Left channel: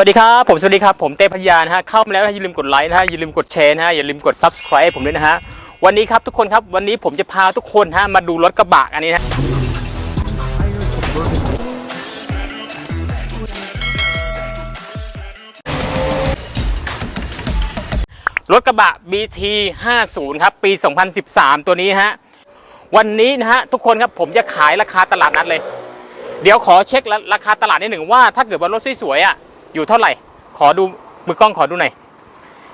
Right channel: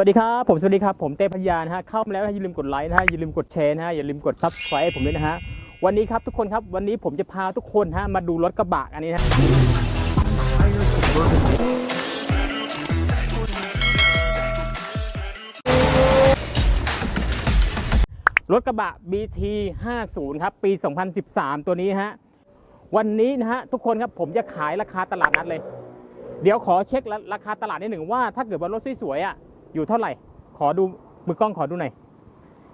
วัสดีครับ ผมสวัสดีครับ ผมเต้พยานะฮะเข้ามาแล้วนะอย่าลืมกดไลค์นะฮะอย่าลืมกดแชร์นะฮะอย่าลืมกด subscribe ผมด้วยนะฮะวันนี้ครับทุกคนครับวันนี้ผมจะพาทุกคนฮะมาดูรถกระบะอันนี้นะรถกระบะ BT 50ครับปี 2013 ตัวนี้ฮะวันนี้นะฮะทุกคนครับผมจะขายราคาตลาดนัดเลย เดี๋ยวขอเช็คราคาตลาดนิดหนึ่งว่าถ้าเกิดว่ารถสวยๆอะ อยู่เท่าไหร่ ขอดูมือกล้องขอดูหน่อย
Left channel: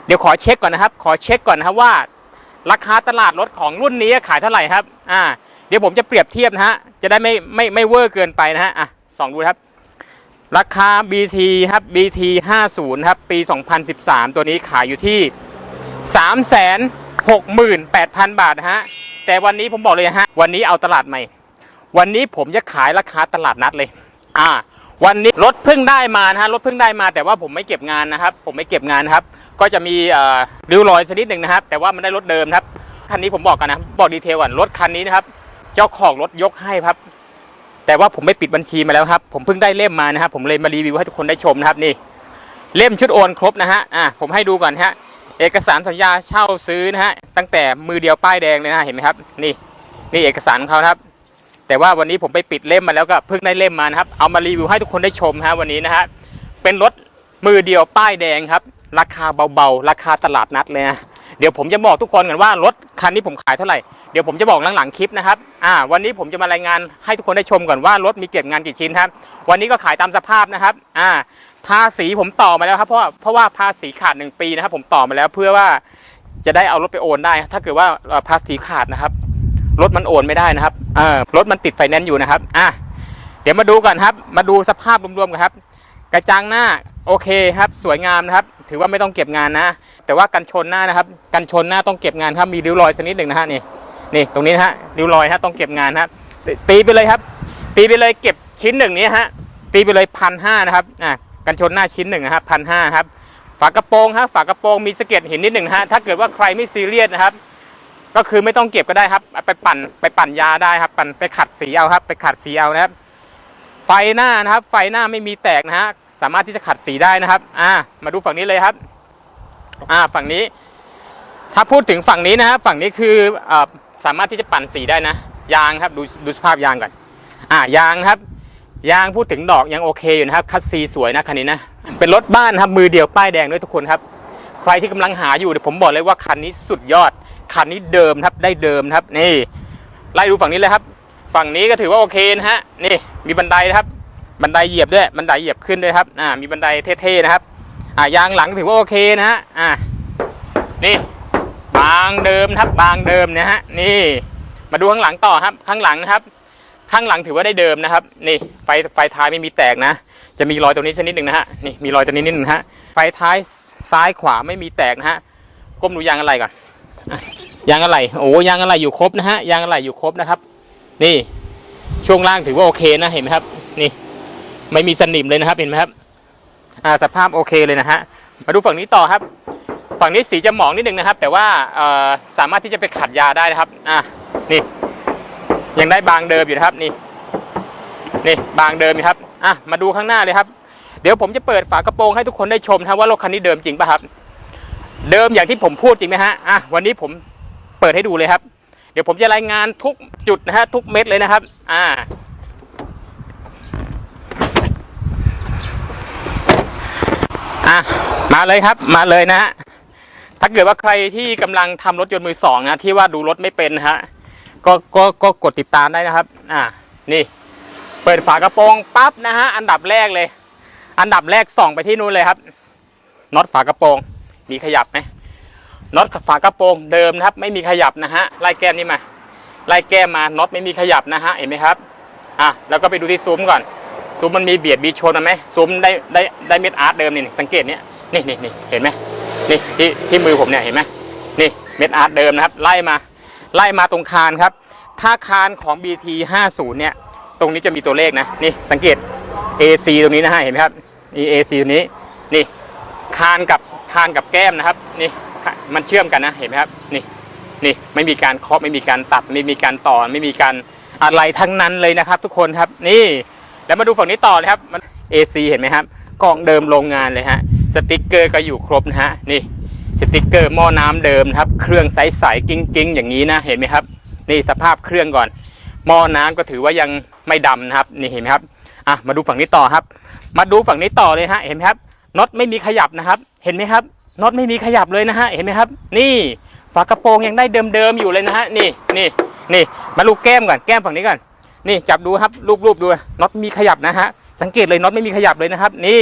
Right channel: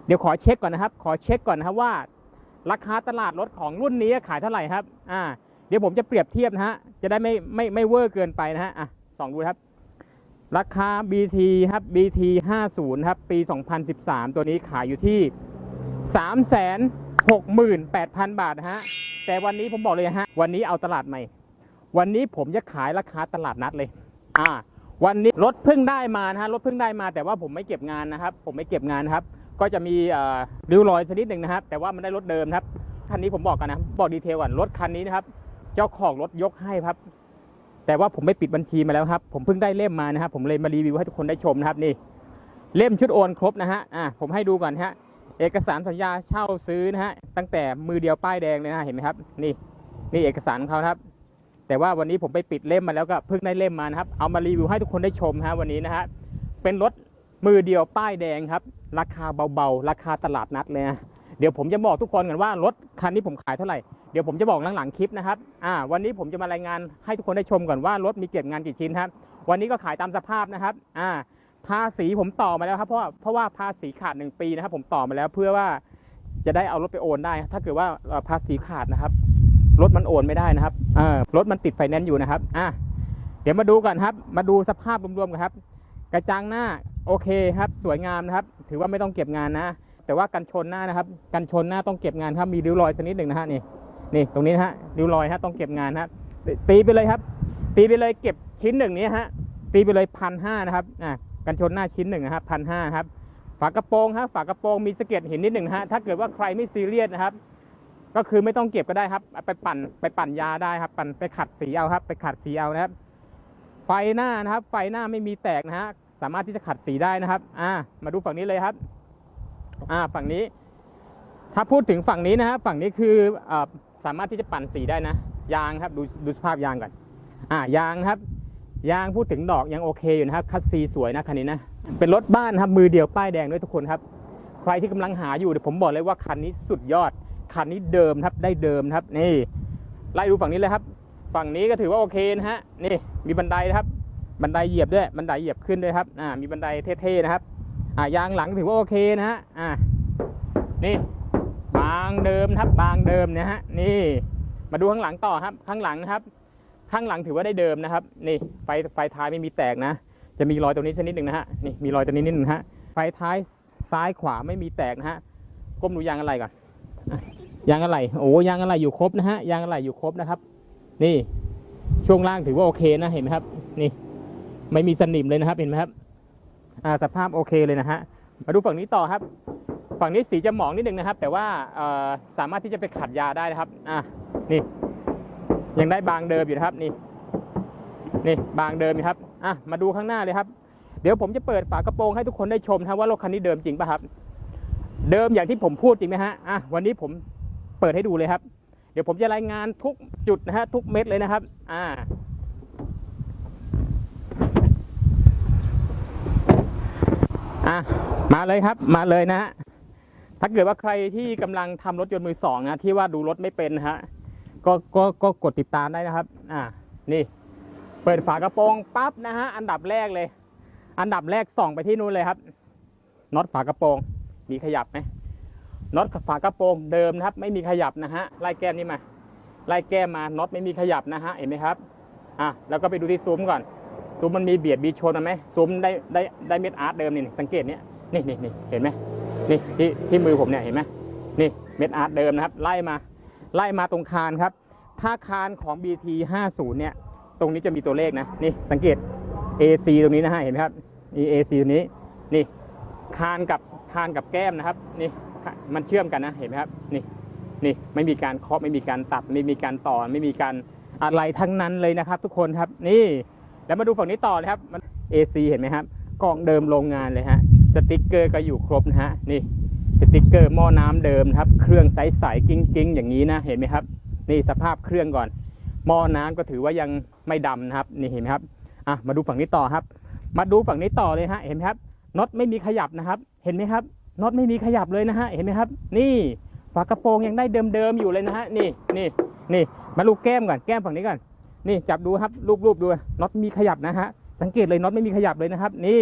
เดี๋ยวขอเช็คก่อนนะครับ ขอเช็คก่อนนะครับว่า ราคาตลาดรถของรุ่นนี้ขายเท่าไหร่ครับ อ่า เดี๋ยวผมจะเปรียบเทียบนะฮะ จะได้ไม่ไม่ไม่เวอร์เกินไปนะฮะ อะสองดูครับ ราคา BT ครับ BT 50ครับ ปี 2013 ตัวนี้ขายอยู่ที่ 368,000 บาทนะฮะ แต่วันนี้ผมบอกเลยฮะ วันนี้เอาตลาดใหม่ วันนี้ผมจะขายราคาตลาดนัดเลย อ่า วันนี้รถเพิ่งได้มานะฮะรถเพิ่งได้มา แต่ว่าผมไม่เก็บงานนะครับ ผมไม่เก็บงานนะครับ ก็จะมีริ้วรอยสักนิดหนึ่งนะครับ แต่ว่ามันได้รถเดิมครับคันนี้ผมบอกกันนะบอกดีเทลก่อนรถคันนี้นะครับ เจ้าของรถยกให้ครับ แต่ว่าผมไม่ปิดบัญชีมาแล้วครับ ผมเพิ่งได้เล่มมานะครับ ผมเลยมารีวิวให้ทุกคนได้ชมนะครับนี่ เล่มชุดโอนครบนะฮะอ่าผมให้ดูก่อนฮะเอกสารสัญญาเช่าซื้อนะฮะตั้งแต่มือเดียวป้ายแดงเลยนะเห็นไหมครับ นี่นี่เอกสารของเขาครับ แต่ว่าวันนี้ผมไปปิดเล่มมาแล้วก็เพิ่งได้เล่มมานะครับ เอามารีวิวให้ทุกคนได้ชมฮะวันนี้นะฮะเป็นรถมือเดียวป้ายแดงครับ ราคาเบาๆ ราคาตลาดนัดเลยนะเดี๋ยวผมจะบอกทุกคนกันว่ารถคันนี้ผมขายเท่าไหร่เดี๋ยวผมจะบอกหลังๆคลิปนะครับอ่าวันนี้ผมจะมารายงานให้ทุกคนได้ชมก่อนว่ารถมีเก็บงานกี่ชิ้นครับ วันนี้ก็ขายตามสภาพนะครับอ่าภาษีผมต่อมาแล้วครับเพราะว่าเพราะว่าภาษีขาดหนึ่งปีนะครับผมต่อมาแล้วเพื่อว่าจะได้เอารถไปโอนได้ ถ้าเกิดว่าภาษีขาดนะครับ รถมันโอนไม่ได้นะครับเออรถมันติดไฟแนนซ์อยู่นะครับอะเดี๋ยวมาดูก่อนครับ มาดูสภาพรวมๆกันครับ กระจังหน้าโอเคครับ สวยงามนะครับ ถือว่าไม่ต้องเก็บงานนะ แต่ว่ากันชนหน้านะครับ กันชนหน้าต้องเก็บงานครับมีริ้วรอยสักนิดหนึ่งนะฮะนี่นี่ตรงนี้นะฮะริ้วรอยฮะต้องเก็บงานนะครับตีไปเลยครับ ตีไปเลยเก็บชิ้นหนึ่งนี้ฮะตีไปเลยพันห้านะครับอะกันชนหน้าชิ้นหนึ่งนะครับพันห้าครับฝากระโปรงฮะฝากระโปรงมีสะเก็ดห็นนิดหนึ่งฮะถ้าเกิดว่าใครไม่ซีเรียสนะครับ ก็คือไม่ต้องเก็บก็ได้ครับ ไปปั่นไปปั่นยาได้ครับ ปั่นไปขัดสีเอาครับ ไปขัดสีเอานะครับ ไฟหน้านะครับ ไฟหน้าไม่มีแตกนะฮะสามารถที่จะขัดสีได้นะครับ อ่า มาดูฝั่งนี้เลยครับ อ่า ฝั่งนี้ ถ้าพูดถึงฝั่งนี้นะฮะฝั่งนี้คือเอ่อสามารถที่จะปั่นสีได้นะ ยางครับ ดูดูสภาพยางก่อน อ่า ยางครับ ยางพูดถึงดอกยังโอเคอยู่นะครับ คัสซีสวยนะคันนี้นะ เป็นรถบ้านครับ มือเดียวป้ายแดงด้วยทุกคนครับ ใครที่กำลังหาอยู่เดี๋ยวผมบอกเลยว่าคันนี้สุดยอด คันนี้เดิมครับได้เดิมครับนี่ไล่ดูฝั่งนี้เลยครับ ฝั่งนี้ก็ถือว่าโอเคนะฮะนี่มีบันไดนะครับ บันไดเหยียบด้วยบันไดเหยียบขึ้นด้วยครับอ่ามีบันไดเท่ๆนะครับอ่ายางหลังถือว่าโอเคนะฮะอ่านี่บางเดิมครับบางเดิมนะฮะนี่มาดูข้างหลังต่อครับ ข้างหลังนะครับ ข้างหลังถือว่าได้เดิมนะครับ นี่ไฟไฟท้ายไม่มีแตกนะ จะมีรอยตรงนี้สักนิดหนึ่งนะฮะนี่มีรอยตรงนี้นิดหนึงฮะไฟท้ายซ้ายขวาไม่มีแตกนะฮะก้มดูยางอะไรก่อน ยางอะไรโอ้ยางอะไรอยู่ครบนะฮะยางอะไรอยู่ครบนะครับ นี่ช่วงล่างถือว่าโอเคนะเห็นไหมครับ นี่ ไม่มีสนิมเลยนะครับเห็นไหมครับ อ่าสภาพโอเคเลยนะฮะมาดูฝั่งนี้ต่อครับ ฝั่งนี้สีจะหมองนิดนึงนะครับ แต่ว่าสามารถที่จะไปขัดยาได้นะครับ อะนี่ ยังได้บางเดิมอยู่นะครับนี่ นี่บางเดิมอยู่ครับอะมาดูข้างหน้าเลยครับ เดี๋ยวผมจะเปิดฝากระโปรงให้ทุกคนได้ชมนะว่ารถคันนี้เดิมจริงป่ะครับ เดิมอย่างที่ผมพูดจริงไหมฮะอะวันนี้ผม ปิดให้ดูเลยครับ เดี๋ยวผมจะรายงานทุกจุดนะฮะทุกเม็ดเลยนะครับ อ่า อะมาเลยครับ มาเลยนะฮะถ้าเกิดว่าใครที่กำลังทำรถยนต์มือสองนะที่ว่าดูรถไม่เป็นฮะก็ก็ก็กดติดตามได้นะครับ อ่านี่ เปิดฝากระโปรงปั๊บนะฮะอันดับแรกเลย อันดับแรกส่องไปที่นู้นเลยครับน็อตฝากระโปรงมีขยับไหม น็อตฝากระโปรงเดิมนะครับ ไม่มีขยับนะฮะไล่แก้มนี่มาไล่แก้มมาน็อตไม่มีขยับนะฮะเห็นไหมครับอะแล้วก็ไปดูที่ซุ้มก่อน ซุ้มมันมีเบียดมีชนไหมซุ้มได้ได้ได้เม็ดอาร์ตเดิมนี่นี่สังเกตเนี้ยนี่นี่นี่เห็นไหมนี่ที่ที่มือผมเนี่ยเห็นไหมนี่เม็ดอาร์ตเดิมนะครับ ไล่มาไล่มาตรงคานครับ ถ้าคานของ BT 50เนี่ยตรงนี้จะมีตัวเลขนะนี่สังเกต AC ตรงนี้นะฮะเห็นไหมครับนี่ AC ตรงนี้นี่คานกับคานกับแก้มนะครับนี่ มันเชื่อมกันนะเห็นไหมครับนี่นี่ไม่มีการเคาะไม่มีการตัดไม่มีการต่อไม่มีการอะไรทั้งนั้นเลยนะครับ ทุกคนครับนี่แล้วมาดูฝั่งนี้ต่อเลยครับมัน AC เห็นไหมครับกล่องเดิมโรงงานเลยฮะสติกเกอร์ก็อยู่ครบนะฮะนี่สติกเกอร์หม้อน้ำเดิมนะครับ เครื่องใสๆกิ้งๆ อย่างนี้นะเห็นไหมครับ นี่สภาพเครื่องก่อน หม้อน้ำก็ถือว่ายังไม่ดำนะครับ นี่เห็นไหมครับอะมาดูฝั่งนี้ต่อครับ มาดูฝั่งนี้ต่อเลยฮะเห็นไหมครับน็อตไม่มีขยับนะครับ เห็นไหมครับ น็อตไม่มีขยับเลยนะฮะเห็นไหมครับ นี่ฝากระโปรงยังได้เดิมๆอยู่เลยนะฮะนี่นี่นี่มาลูกแก้มก่อนแก้มฝั่งนี้ก่อนนี่จับดูครับรูปๆดูน็อตมีขยับนะฮะสังเกตเลยน็อตไม่มีขยับเลยนะครับ นี่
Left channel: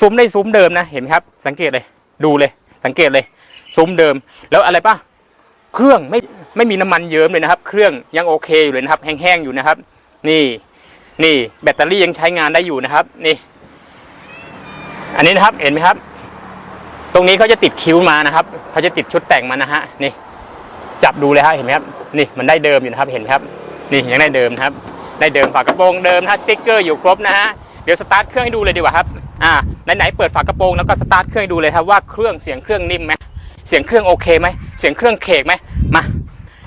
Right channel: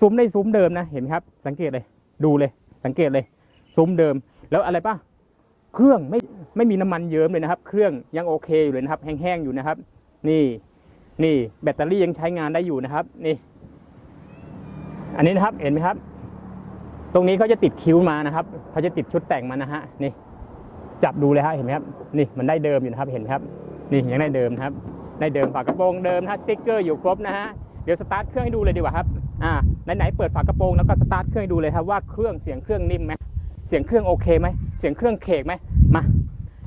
ซุ้มได้ซุ้มเดิมนะเห็นไหมครับ สังเกตเลยดูเลย สังเกตเลยซุ้มเดิม แล้วอะไรป่ะเครื่องไม่ไม่มีน้ำมันเยิ้มเลยนะครับ เครื่องยังโอเคอยู่เลยนะครับ แห้งๆอยู่นะครับ นี่นี่แบตเตอรี่ยังใช้งานได้อยู่นะครับ นี่ อันนี้นะครับเห็นไหมครับ ตรงนี้เขาจะติดคิ้วมานะครับเขาจะติดชุดแต่งมานะฮะนี่ จับดูเลยฮะเห็นไหมครับนี่มันได้เดิมอยู่นะครับเห็นไหมครับ นี่ยังได้เดิมครับ ได้เดิมฝากระโปรงเดิมนะฮะสติ๊กเกอร์อยู่ครบนะฮะเดี๋ยวสตาร์ทเครื่องให้ดูเลยดีกว่าครับอ่าไหนๆเปิดฝากระโปรงแล้วก็สตาร์ทเครื่องให้ดูเลยครับว่าเครื่องเสียงเครื่องนิ่มไหมเสียงเครื่องโอเคไหมเสียงเครื่องเคกไหมมา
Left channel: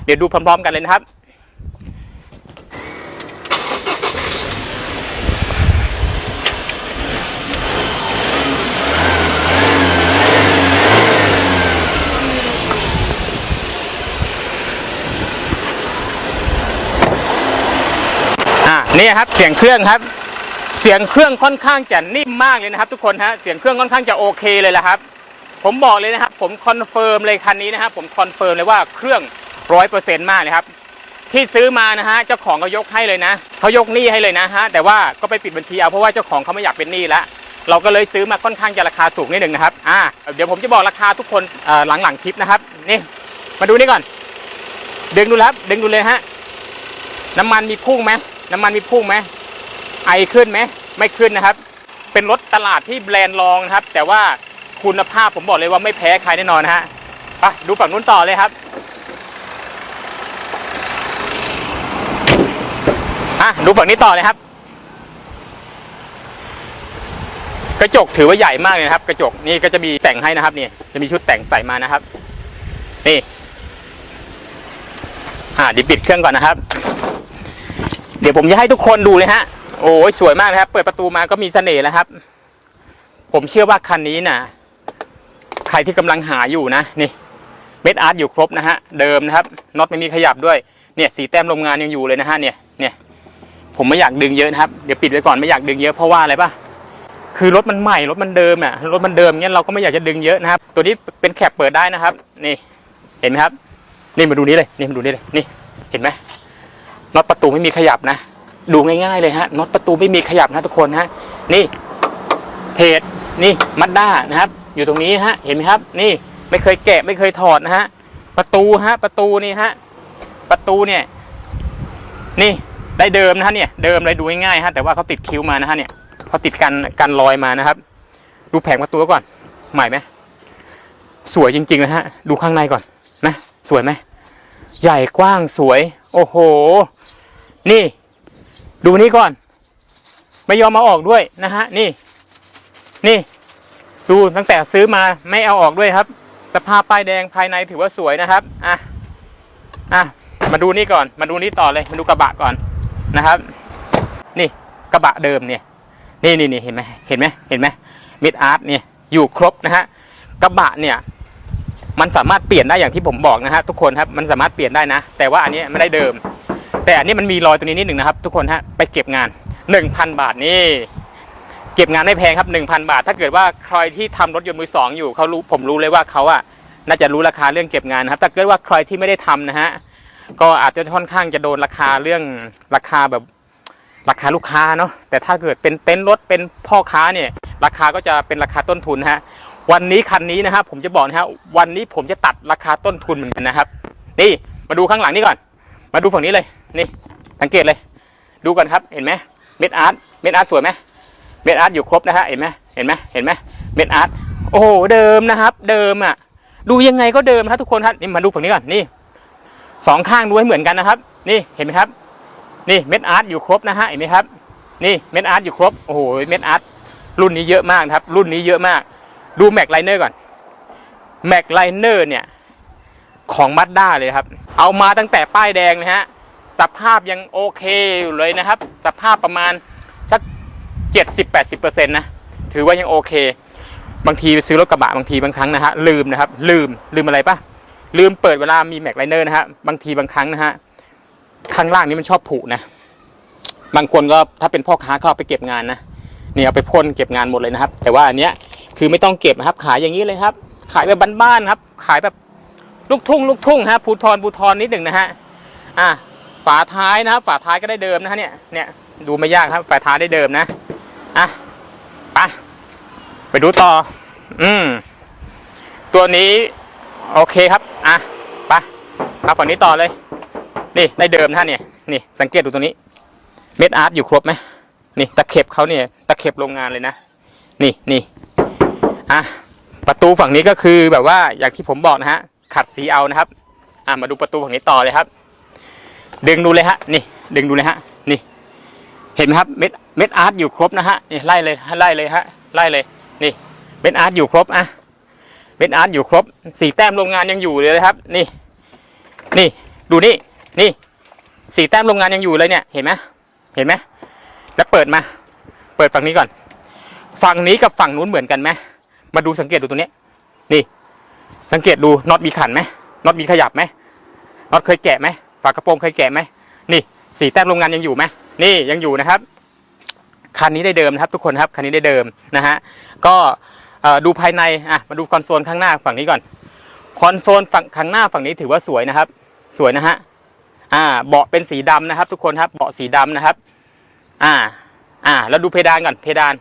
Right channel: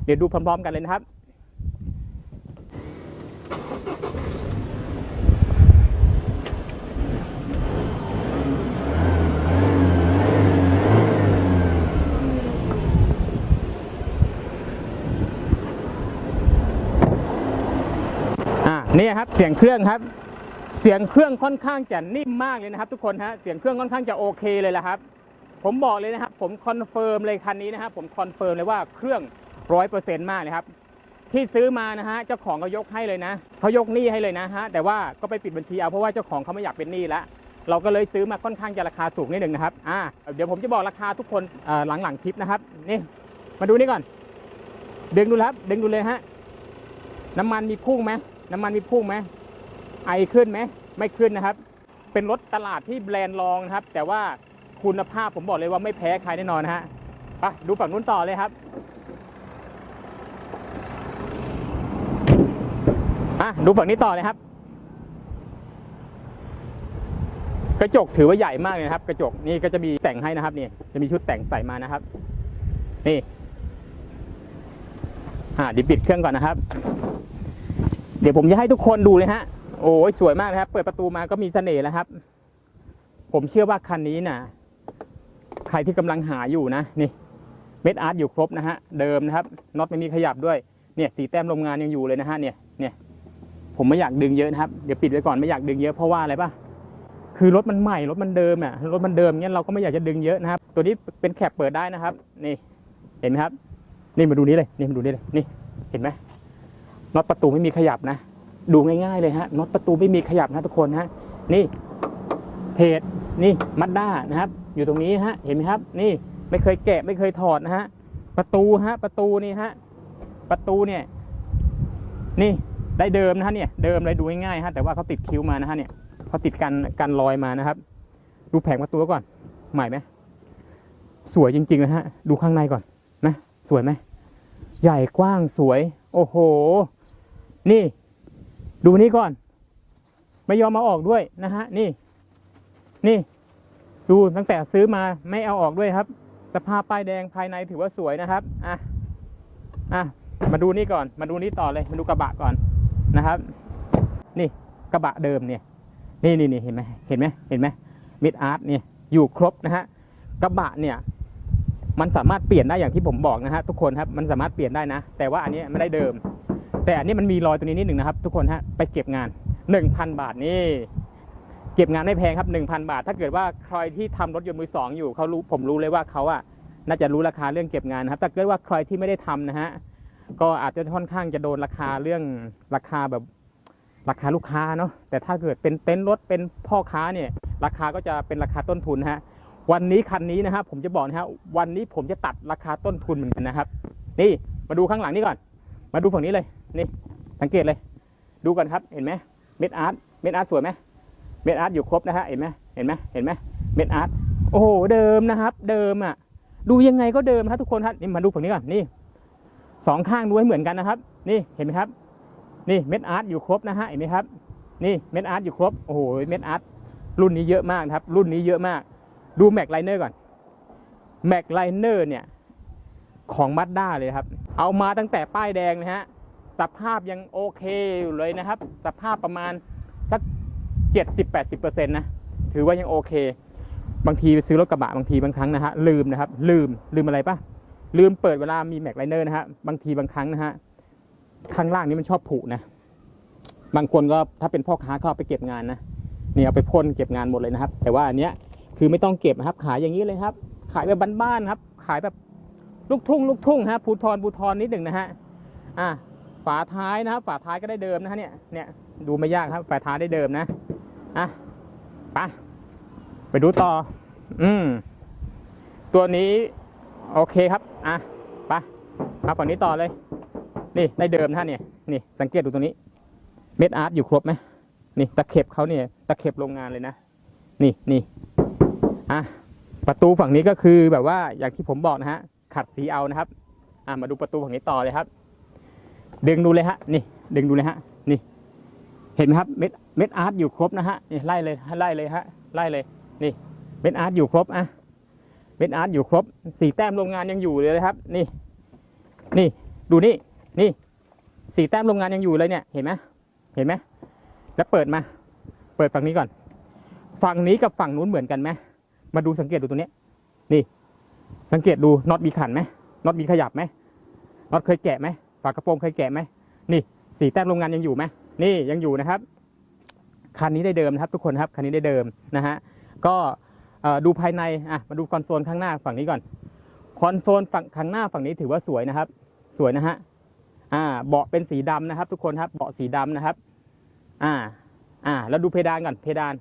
เดี๋ยวดูพร้อมๆกันเลยนะครับ อ่า นี่ครับเสียงเครื่องครับ เสียงเครื่องค่อนข้างจะนิ่มมากเลยนะครับ ทุกคนฮะเสียงเครื่องค่อนข้างจะโอเคเลยละครับ ผมบอกเลยนะครับ ผมคอนเฟิร์มเลยคันนี้นะครับผมคอนเฟิร์มเลยว่าเครื่องร้อยเปอร์เซ็นต์มากเลยครับที่ซื้อมานะฮะเจ้าของเขายกให้เลยนะเขายกหนี้ให้เลยนะฮะแต่ว่าก็ไปปิดบัญชีเอาเพราะว่าเจ้าของเขาไม่อยากเป็นหนี้แล้วเราก็เลยซื้อมาค่อนข้างจะราคาสูงนิดหนึ่งนะครับอ่าเดี๋ยวผมจะบอกราคาทุกคนหลังๆคลิปนะครับนี่มาดูนี่ก่อน ดึงดูครับดึงดูเลยฮะน้ำมันมีพุ่งไหม น้ำมันมีพุ่งไหมไอขึ้นไหมไม่ขึ้นนะครับ เป็นรถตลาดที่แบรนด์รองนะครับ แต่ว่าคุณภาพผมบอกเลยว่าไม่แพ้ใครแน่นอนนะฮะไปดูฝั่งนู้นต่อเลยครับอะดูฝั่งนี้ต่อเลยครับ กระจกถือว่าใหญ่มากเลยนะครับ กระจกนี่ก็จะมีแต่งให้นะครับนี่จะมีชุดแต่งใส่มานะครับ นี่อ่าเดี๋ยวปิดเครื่องก่อนนะครับ ดี๋ยวผมจะให้ทุกคนดูเลยฮะ โอ้ยสวยมากนะครับ เปิดประตูมาก็มีเสน่ห์แล้วครับ ผมเชื่อว่าคันนี้นะใครที่กำลังหาอยู่นะ นี่ เม็ดอาร์ตอยู่ครบนะฮะ เดิมนะครับ น็อตไม่มีขยับด้วย เนี่ยสีแต้มโรงงานยังอยู่เลยนะฮะ เนี่ย เนี่ย ผมไม่อยากดึงเยอะนะครับ เดี๋ยวปิดไว้ก่อนไม่อยากดึงเยอะเพราะว่าอะไรปะคือรถมันใหม่รถมันเดิมอะ รถมันเดิมเงี้ยเราก็ไม่อยากจะดึงเยอะนะครับ ตัวนี้เป็นแคปเปิดได้นะครับ นี่ เห็นไหมครับ นี่มาดูนี้เลย นี่มาดูนี้เลย นี่ เห็นไหม น็อตประตูไม่มีขยับนะ ดูง่ายๆเลยฮะน็อตประตูไม่มีขยับนะทุกคนฮะนี่เพจนี่มัดด้านะครับ อยู่ตรงนี้ฮะเห็นไหมครับ นี่ไม่เคยแกะไม่เคยถอดนะฮะประตูฮะประตูนี่ฮะประตูเนี่ย นี่ได้เดิมนะฮะเนี่ยเดิมเลยดูง่ายๆฮะแต่ว่าเขาติดคิ้วมานะฮะเนี่ยเขาติดกันกันรอยมานะครับ ดูแผงประตูก่อนใหม่ไหมสวยจริงๆเลยฮะดูข้างในก่อนนะสวยไหมใหญ่กว้างสวย โอ้โห นี่ ดูนี่ก่อน ไม่ยอมมาออกด้วยนะฮะ นี่ นี่ ดูตั้งแต่ซื้อมาไม่เอาออกด้วยครับสภาพป้ายแดงภายในถือว่าสวยนะครับ อะ อะ มาดูนี่ก่อน มาดูนี่ต่อเลย มาดูกระบะก่อนนะครับ นี่กระบะเดิมเนี่ย นี่นี่นี่เห็นไหมเห็นไหมเห็นไหมมิดอาร์ตเนี่ยอยู่ครบนะฮะ กระบะเนี่ย มันสามารถเปลี่ยนได้อย่างที่ผมบอกนะฮะทุกคนครับ มันสามารถเปลี่ยนได้นะ แต่ว่าอันนี้ไม่ได้เดิม แต่อันนี้มันมีรอยตัวนี้นิดหนึ่งนะครับ ทุกคนฮะไปเก็บงาน 1,000 บาทนี่เก็บงานไม่แพงครับ1,000 บาท ถ้าเกิดว่าใครที่ทำรถยนต์มือสองอยู่เขารู้ผมรู้เลยว่าเขาอะน่าจะรู้ราคาเรื่องเก็บงานนะครับแต่เกิดว่าใครที่ไม่ได้ทำนะฮะก็อาจจะค่อนข้างจะโดนราคาเรื่องราคาแบบราคาลูกค้าเนาะแต่ถ้าเกิดเป็นเต็นท์รถเป็นพ่อค้าเนี่ย ราคาก็จะเป็นราคาต้นทุนฮะวันนี้คันนี้นะครับผมจะบอกนะฮะวันนี้ผมจะตัดราคาต้นทุนเหมือนกันนะครับ นี่มาดูข้างหลังนี่ก่อน มาดูฝั่งนี้เลย นี่สังเกตเลย ดูก่อนครับเห็นไหมเม็ดอาร์ตเม็ดอาร์ตสวยไหมเม็ดอาร์ตอยู่ครบนะฮะเห็นไหมเห็นไหมเห็นไหมเม็ดอาร์ตโอ้โหเดิมนะครับ เดิมอะ ดูยังไงก็เดิมครับทุกคนครับนี่มาดูฝั่งนี้ก่อนนี่สองข้างดูให้เหมือนกันนะครับ นี่เห็นไหมครับ นี่เม็ดอาร์ตอยู่ครบนะฮะเห็นไหมครับ นี่เม็ดอาร์ตอยู่ครบโอ้โหเม็ดอาร์ตรุ่นนี้เยอะมากครับ รุ่นนี้เยอะมาก ดูแม็กไลเนอร์ก่อนแม็กไลเนอร์เนี่ยของมัดด้าเลยครับ เอามาตั้งแต่ป้ายแดงนะฮะ สภาพยังโอเคอยู่เลยนะครับ สภาพประมาณสัก 70-80%นะ ถือว่ายังโอเค บางทีไปซื้อรถกระบะบางทีบางครั้งนะฮะลืมนะครับ ลืมลืมอะไรปะลืมเปิดเวลามีแม็กไลเนอร์นะฮะบางทีบางครั้งนะฮะข้างล่างนี้มันชอบผุนะ บางคนก็ถ้าเป็นพ่อค้าก็เอาไปเก็บงานนะนี่เอาไปพ่นเก็บงานหมดเลยนะครับ แต่ว่าอันเนี้ยคือไม่ต้องเก็บนะครับ ขายอย่างนี้เลยครับ ขายแบบบ้านๆครับ ขายแบบลูกทุ่งลูกทุ่งฮะภูทรภูทรนิดหนึ่งนะฮะอะ ฝาท้ายนะครับ ฝาท้ายก็ได้เดิมนะฮะเนี่ยเนี่ยดูไม่ยากครับ ฝาท้ายได้เดิมนะอะไปไปดูต่อ อืมตัวนี้โอเคครับอะไปมาฝั่งนี้ต่อเลย นี่ได้เดิมนะฮะเนี่ยนี่สังเกตดูตัวนี้ เม็ดอาร์ตอยู่ครบไหมนี่ตะเข็บเขาเนี่ยตะเข็บโรงงานเลยนะนี่นี่อะประตูฝั่งนี้ก็คือแบบว่าอย่างที่ผมบอกนะฮะขัดสีเอานะครับ อะมาดูประตูฝั่งนี้ต่อเลยครับ ดึงดูเลยฮะนี่ ดึงดูเลยฮะ นี่ เห็นไหมครับเม็ดเม็ดอาร์ตอยู่ครบนะฮะนี่ไล่เลยไล่เลยฮะไล่เลย นี่เม็ดอาร์ตอยู่ครบอะเม็ดอาร์ตอยู่ครบสีแต้มโรงงานยังอยู่เลยนะครับ นี่ นี่ดูนี่ นี่สีแต้มโรงงานยังอยู่เลยเนี่ยเห็นไหมเห็นไหมแล้วเปิดมา เปิดฝั่งนี้ก่อน ฝั่งนี้กับฝั่งนู้นเหมือนกันไหมมาดูสังเกตดูตัวนี้นี่ สังเกตดูน็อตมีขันไหมน็อตมีขยับไหมน็อตเคยแกะไหม ฝากระโปรงเคยแกะไหมนี่สีแต้มโรงงานยังอยู่ไหมนี่ยังอยู่นะครับคันนี้ได้เดิมนะครับทุกคนครับคันนี้ได้เดิมนะฮะก็ดูภายในอะมาดูคอนโซลข้างหน้าฝั่งนี้ก่อนคอนโซลฝั่งข้างหน้าฝั่งนี้ถือว่าสวยนะครับ สวยนะฮะอ่าเบาะเป็นสีดำนะครับ ทุกคนครับเบาะสีดำนะครับ อ่าอ่าแล้วดูเพดานก่อนเพดาน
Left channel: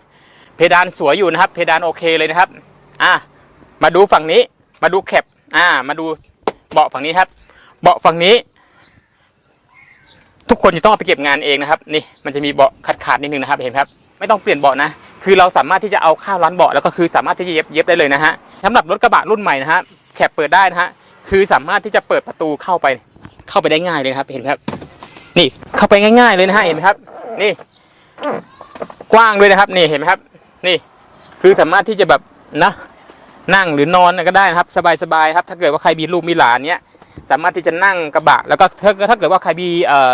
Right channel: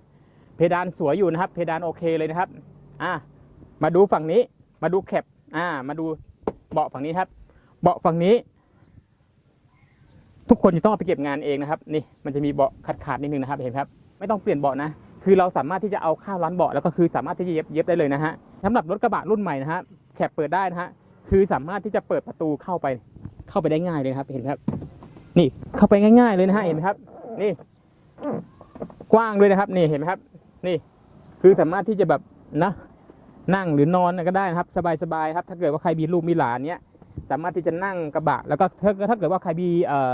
เพดานสวยอยู่นะครับ เพดานโอเคเลยนะครับ อ่ามาดูฝั่งนี้มาดูแคปอ่ามาดูเบาะฝั่งนี้ครับ เบาะฝั่งนี้ ทุกคนจะต้องเอาไปเก็บงานเองนะครับนี่มันจะมีเบาะขาดขาดนิดนึงนะครับเห็นครับ ไม่ต้องเปลี่ยนเบาะนะ คือเราสามารถที่จะเอาข้าวร้านเบาะแล้วก็คือสามารถที่จะเย็บเย็บได้เลยนะฮะสำหรับรถกระบะรุ่นใหม่นะฮะแคปเปิดได้นะฮะคือสามารถที่จะเปิดประตูเข้าไปเข้าไปได้ง่ายเลยครับ เห็นครับ นี่เข้าไปง่าย ๆเลยนะฮะเห็นไหมครับ นี่ กว้างด้วยนะครับ นี่เห็นไหมครับ นี่ คือสามารถที่จะแบบนะนั่งหรือนอนก็ได้นะครับ สบายๆครับ ถ้าเกิดว่าใครมีลูกมีหลานเนี้ยสามารถที่จะนั่งกระบะ แล้วก็ถ้าถ้าเกิดว่าใครมีเอ่อ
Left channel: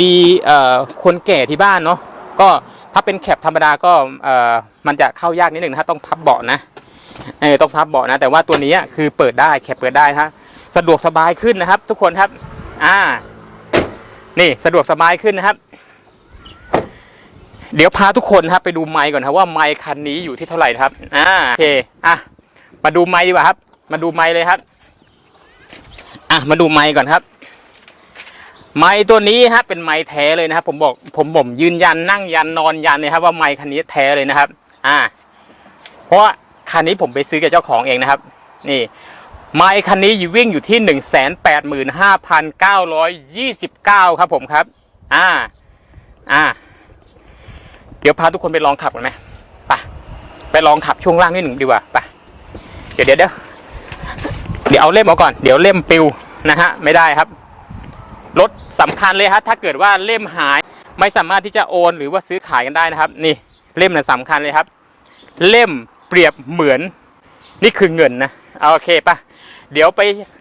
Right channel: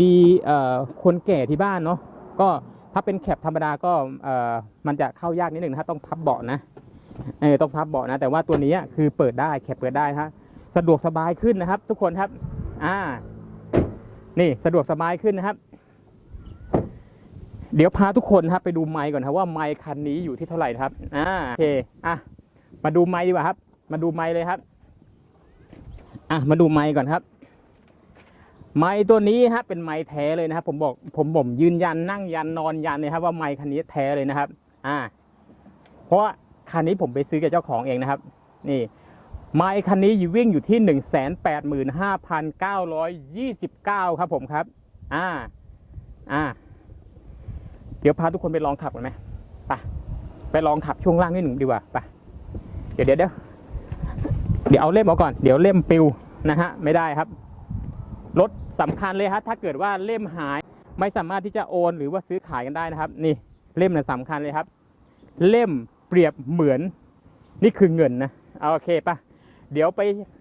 มีคนแก่ที่บ้านเนาะก็ถ้าเป็นแคปธรรมดาก็มันจะเข้ายากนิดหนึ่งนะครับต้องพับเบาะนะเออต้องพับเบาะนะ แต่ว่าตัวนี้คือเปิดได้แคปเปิดได้ฮะสะดวกสบายขึ้นนะครับ ทุกคนครับ อ่า นี่สะดวกสบายขึ้นนะครับ เดี๋ยวพาทุกคนครับไปดูไมค์ก่อนครับว่าไมค์คันนี้อยู่ที่เท่าไหร่ครับ อ่าโอเคอะมาดูไมค์ดีกว่าครับ มาดูไมค์เลยครับ อะมาดูไมค์ก่อนครับ ไมค์ตัวนี้ฮะเป็นไมค์แท้เลยนะครับ ผมบอกผมผมยืนยันนั่งยันนอนยันเลยครับ ว่าไมค์คันนี้แท้เลยนะครับ อ่า เพราะคันนี้ผมไปซื้อกับเจ้าของเองนะครับ นี่ไมค์คันนี้อยู่วิ่งอยู่ที่หนึ่งแสนแปดหมื่นห้าพันเก้าร้อยยี่สิบเก้าครับผมครับ อ่า อ่า เดี๋ยวพาทุกคนไปลองขับกันไหมไปไปลองขับช่วงล่างนิดหนึ่งดีกว่าไปเดี๋ยวเดี๋ยวเดี๋ยวเดี๋ยวเอาเล่มเอาก่อน เดี๋ยวเล่มปิวนะฮะ ไม่ได้ครับ รถสำคัญเลยฮะถ้าเกิดว่าเล่มหายไม่สามารถที่จะโอน หรือว่าซื้อขายกันได้นะครับ นี่เล่มน่ะสำคัญเลยครับ เล่มเปรียบเหมือนนี่คือเงินนะเอาโอเคปะเดี๋ยวไป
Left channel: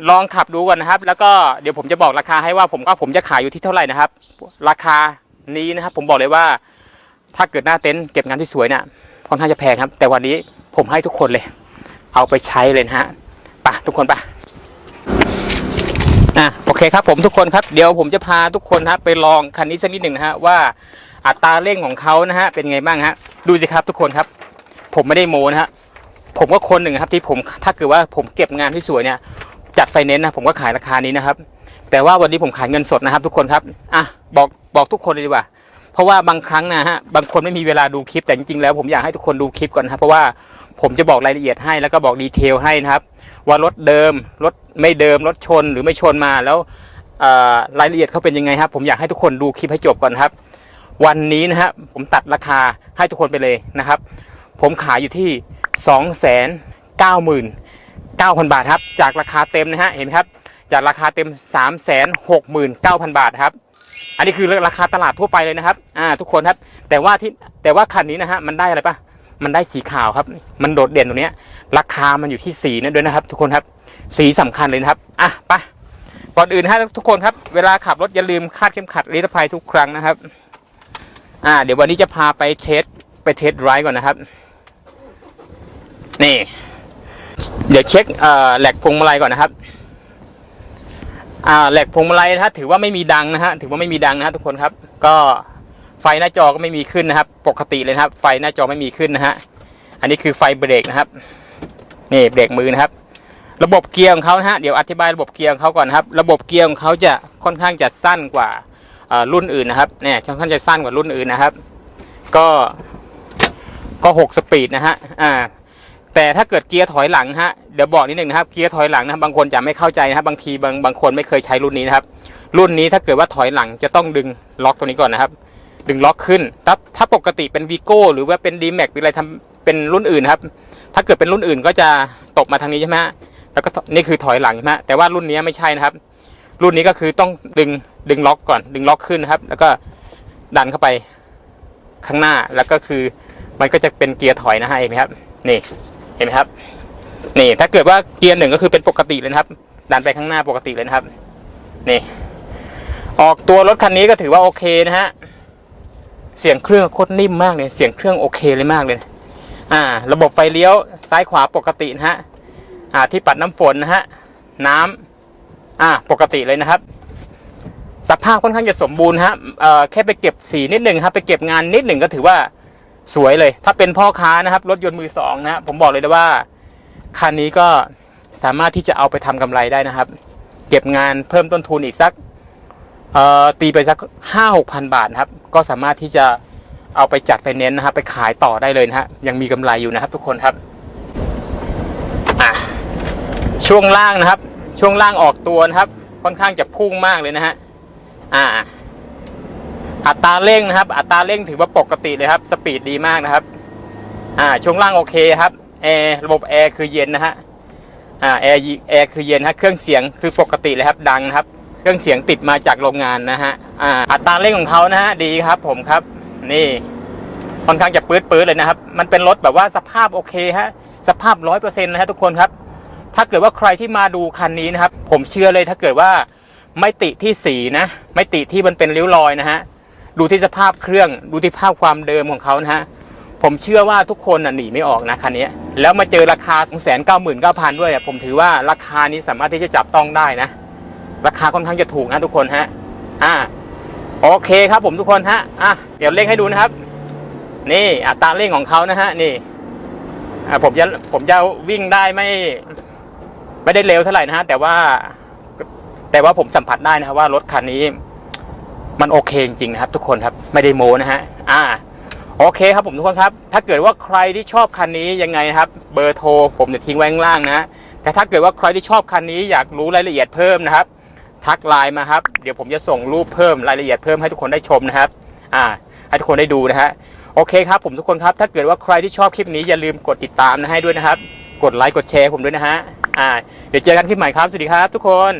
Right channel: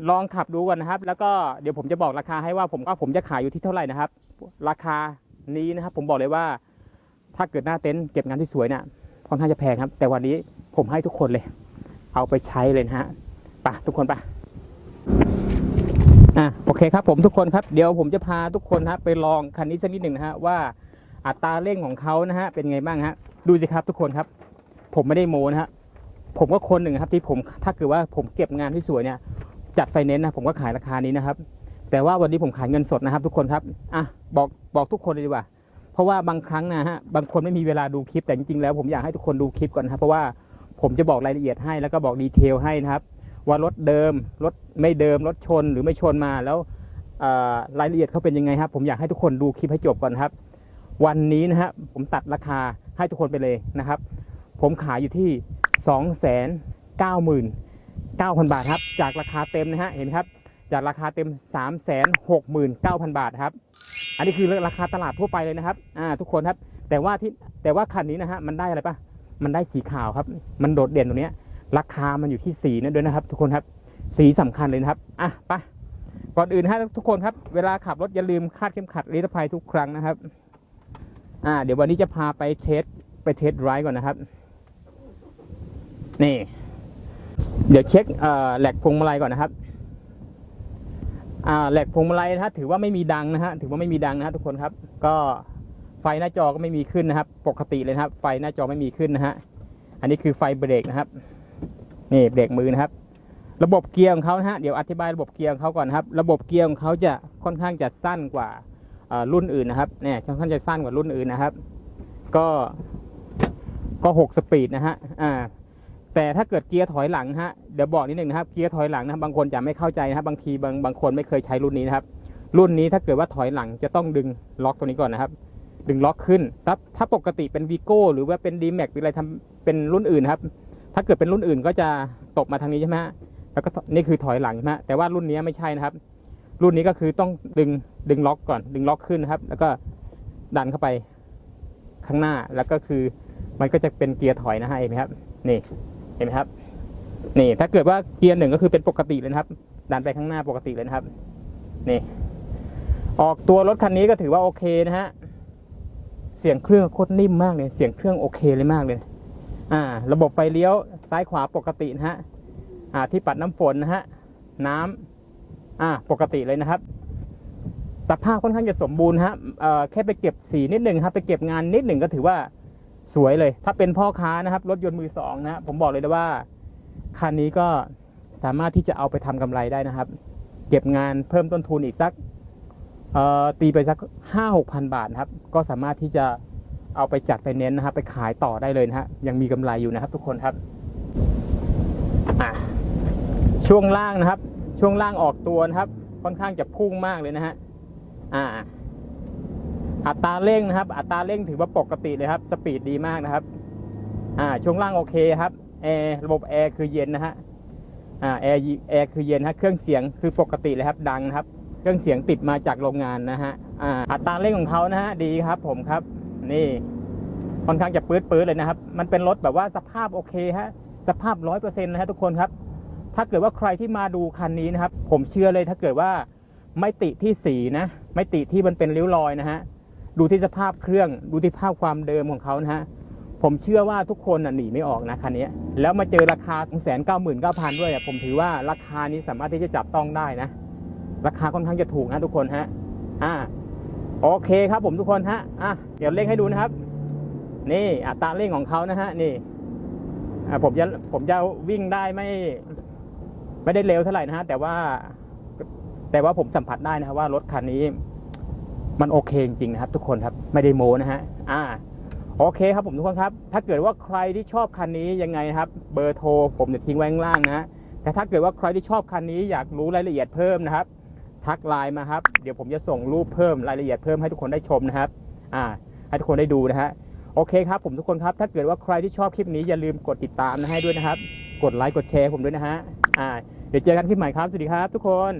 ลองขับดูก่อนนะครับ แล้วก็เดี๋ยวผมจะบอกราคาให้ว่าผมก็ผมจะขายอยู่ที่เท่าไหร่นะครับ ราคานี้นะครับผมบอกเลยว่า ถ้าเกิดหน้าเต็นท์เก็บงานที่สวยเนี่ยค่อนข้างจะแพงครับ แต่วันนี้ผมให้ทุกคนเลย เอาไปใช้เลยนะฮะไปะทุกคนไปะ อะโอเคครับผมทุกคนครับเดี๋ยวผมจะพาทุกคนครับไปลองคันนี้สักนิดหนึ่งนะฮะว่าอัตราเร่งของเขานะฮะเป็นไงบ้างฮะดูสิครับทุกคนครับ ผมไม่ได้โมนะฮะผมก็คนหนึ่งครับที่ผมถ้าเกิดว่าผมเก็บงานที่สวยเนี่ยจัดไฟแนนนะผมก็ขายราคานี้นะครับ แต่ว่าวันนี้ผมขายเงินสดนะครับทุกคนครับอะบอกบอกทุกคนเลยดีกว่า เพราะว่าบางครั้งนะฮะบางคนไม่มีเวลาดูคลิปแต่จริงๆแล้วผมอยากให้ทุกคนดูคลิปก่อนนะครับเพราะว่าผมจะบอกรายละเอียดให้แล้วก็บอกดีเทลให้นะครับ ว่ารถเดิมรถไม่เดิมรถชนหรือไม่ชนมาแล้วรายละเอียดเขาเป็นยังไงครับ ผมอยากให้ทุกคนดูคลิปให้จบก่อนครับ วันนี้นะฮะผมตัดราคาให้ทุกคนไปเลยนะครับ ผมขายอยู่ที่ 2 9 9 0 0 0 บาทครับ จากราคาเต็มนะฮะเห็นไหมครับ จากราคาเต็ม 3 6 9 0 0 0 บาทครับ อันนี้คือราคาตลาดทั่วไปเลยนะครับอ่าทุกคนครับแต่ว่าที่แต่ว่าคันนี้นะฮะมันได้อะไรปะมันได้สีขาวครับ มันโดดเด่นตรงเนี้ย ราคามันอยู่ที่สีนั่นด้วยนะครับ ทุกคนครับ สีสำคัญเลยนะครับอะไปก่อนอื่นฮะทุกคนครับ เวลาขับรถอย่าลืมคาดเข็มขัดนิรภัยทุกครั้งนะครับ อ่า เดี๋ยววันนี้จะพาไปเทสไปเทสไรก่อนนะครับ นี่ เดี๋ยวเช็คเอ่อแหลกพวงมาลัยก่อนนะครับ อ่าแหลกพวงมาลัยนะฮะถือว่าไม่มีดังนะฮะถือว่าไม่มีดังนะฮะทุกคนครับ ก็ไฟหน้าจอก็ไม่มีขึ้นนะครับ ปกติเลยนะครับ ไฟหน้าจอไม่มีขึ้นนะฮะอันนี้คือไฟเบรกนะครับ นี่เบรกมือนะครับ ระบบเกียร์ของเขานะฮะเดี๋ยวอธิบายระบบเกียร์ของเขาก่อนนะครับ ระบบเกียร์ของเขาจะค่อนข้างจะสั้นกว่ารุ่นอื่นนะครับเนี่ยค่อนข้างจะสั้นกว่ารุ่นอื่นนะครับ ก็ก็หกสปีดนะฮะอ่าแต่ถ้าเกิดเกียร์ถอยหลังฮะเดี๋ยวบอกนิดหนึ่งนะครับเกียร์ถอยหลังนะบางคนจะไม่เข้าใจนะครับบางทีบางบางคนไม่เคยใช้รุ่นนี้นะครับ รุ่นนี้ถ้าเกิดว่าถอยหลังจะต้องดึงล็อกตัวนี้ก่อนนะครับ ดึงล็อกขึ้นถ้าถ้าปกติเป็นวีโก้หรือว่าเป็นดีแม็กเป็นอะไรทำ เป็นรุ่นอื่นครับ ถ้าเกิดเป็นรุ่นอื่นก็จะตกมาทางนี้ใช่ไหมแล้วก็นี่คือถอยหลังใช่ไหมแต่ว่ารุ่นนี้ไม่ใช่นะครับ รุ่นนี้ก็คือต้องดึงดึงล็อกก่อน ดึงล็อกขึ้นนะครับ แล้วก็ดันเข้าไปข้างหน้าแล้วก็คือมันก็จะเป็นเกียร์ถอยนะฮะเห็นไหมครับ นี่เห็นไหมครับ นี่ถ้าเกิดว่าเกียร์หนึ่งก็คือเป็นปกติเลยนะครับ ดันไปข้างหน้าปกติเลยนะครับ นี่ ออกตัวรถคันนี้ก็ถือว่าโอเคนะฮะเสียงเครื่องโคตรนิ่มมากเลยเสียงเครื่องโอเคเลยมากเลย อ่า ระบบไฟเลี้ยวซ้ายขวาปกตินะฮะ อ่า ที่ปัดน้ำฝนนะฮะ น้ำอ่า ปกติเลยนะครับ สภาพค่อนข้างจะสมบูรณ์ฮะ เอ่อ แค่ไปเก็บสีนิดหนึ่งครับ ไปเก็บงานนิดหนึ่งก็ถือว่าสวยเลย ถ้าเป็นพ่อค้านะครับ รถยนต์มือสองนะ ผมบอกเลยนะว่า คันนี้ก็สามารถที่จะเอาไปทำกำไรได้นะครับ เก็บงานเพิ่มต้นทุนอีกสัก เอ่อ ตีไปสักห้าหกพันบาทครับ ก็สามารถที่จะ เอาไปจัดไฟแนนซ์นะครับไปขายต่อได้เลยนะฮะยังมีกำไรอยู่นะครับ ทุกคนครับอะช่วงล่างนะครับ ช่วงล่างออกตัวนะครับ ค่อนข้างจะพุ่งมากเลยนะฮะอ่า อัตราเร่งนะครับ อัตราเร่งถือว่าปกติเลยครับ สปีดดีมากนะครับ อ่า ช่วงล่างโอเคครับแอร์ระบบแอร์คือเย็นนะฮะอ่าแอร์แอร์คือเย็นฮะเครื่องเสียงคือปกติเลยครับ ดังนะครับ เครื่องเสียงติดมาจากโรงงานนะฮะอ่าอัตราเร่งของเขานะฮะดีครับ ผมครับ นี่ ค่อนข้างจะปื๊ดปื๊ดเลยนะครับ มันเป็นรถแบบว่าสภาพโอเคฮะ สภาพร้อยเปอร์เซ็นต์นะฮะทุกคนครับ ถ้าเกิดว่าใครที่มาดูคันนี้นะครับ ผมเชื่อเลยถ้าเกิดว่าไม่ติที่สีนะ ไม่ติที่มันเป็นริ้วรอยนะฮะ ดูที่สภาพเครื่อง ดูที่ภาพความเดิมของเขานะฮะ ผมเชื่อว่าทุกคนน่ะหนีไม่ออกนะคันนี้ แล้วมาเจอราคา 2 9 9 0 0 0 ด้วยผมถือว่าราคานี้สามารถที่จะจับต้องได้นะ ราคาค่อนข้างจะถูกนะทุกคนฮะ อ่า โอเคครับผมทุกคนฮะ อะ เดี๋ยวเร่งให้ดูนะครับ นี่อัตราเร่งของเขานะฮะนี่ผมจะผมจะวิ่งได้ไม่ ไม่ได้เร็วเท่าไหร่นะฮะแต่ว่า แต่ว่าผมสัมผัสได้นะครับว่ารถคันนี้ มันโอเคจริงๆนะครับ ทุกคนครับไม่ได้โม้นะฮะอ่า โอเคครับผมทุกคนครับ ถ้าเกิดว่าใครที่ชอบคันนี้ยังไงนะครับ เบอร์โทร ผมจะทิ้งไว้ข้างล่างนะแต่ถ้าเกิดว่าใครที่ชอบคันนี้อยากรู้รายละเอียดเพิ่มนะครับ ทักไลน์มาครับ เดี๋ยวผมจะส่งรูปเพิ่มรายละเอียดเพิ่มให้ทุกคนได้ชมนะครับ อ่า ให้ทุกคนได้ดูนะฮะ โอเคครับผมทุกคนครับ ถ้าเกิดว่าใครที่ชอบคลิปนี้อย่าลืมกดติดตามนะให้ด้วยนะครับ กดไลค์กดแชร์ผมด้วยนะฮะอ่าเดี๋ยวเจอกันคลิปใหม่ครับ สวัสดีครับทุกคน